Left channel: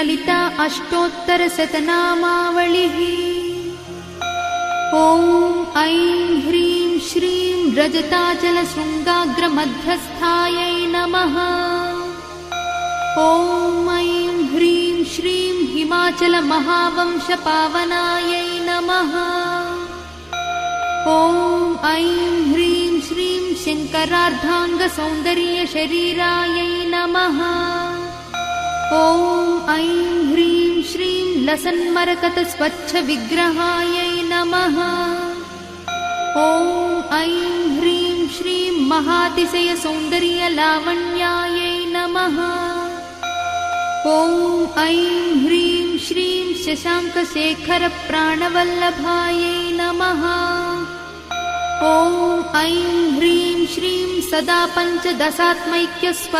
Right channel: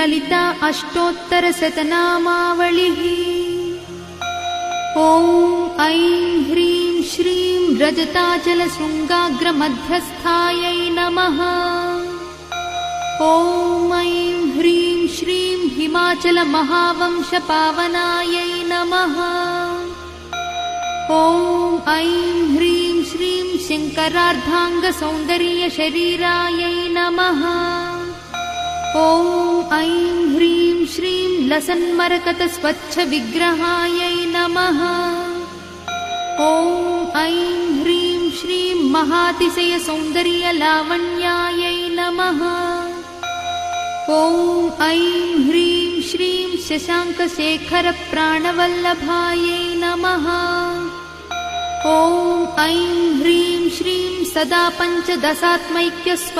ललिता अष्टोत्तरशतनामावलिः। ॐ ऐं ह्रीं श्रीं रजताचलशृङ्गाग्रमध्यस्थायै नमः। ॐ ऐं ह्रीं श्रीं हिमाचलमहावंशपावनायै नमः। ॐ ऐं ह्रीं श्रीं शङ्करार्धाङ्गसौन्दर्यशरीरायै नमः। ॐ ऐं ह्रीं श्रीं लसन्मरकतस्वच्छविग्रहायै नमः। ॐ ऐं ह्रीं श्रीं महातिशयसौन्दर्यलावण्यायै नमः। ॐ ऐं ह्रीं श्रीं शशाङ्कशेखरप्राणवल्लभायै नमः। ॐ ऐं ह्रीं श्रीं सदा पञ्चदशात्मैक्यस्व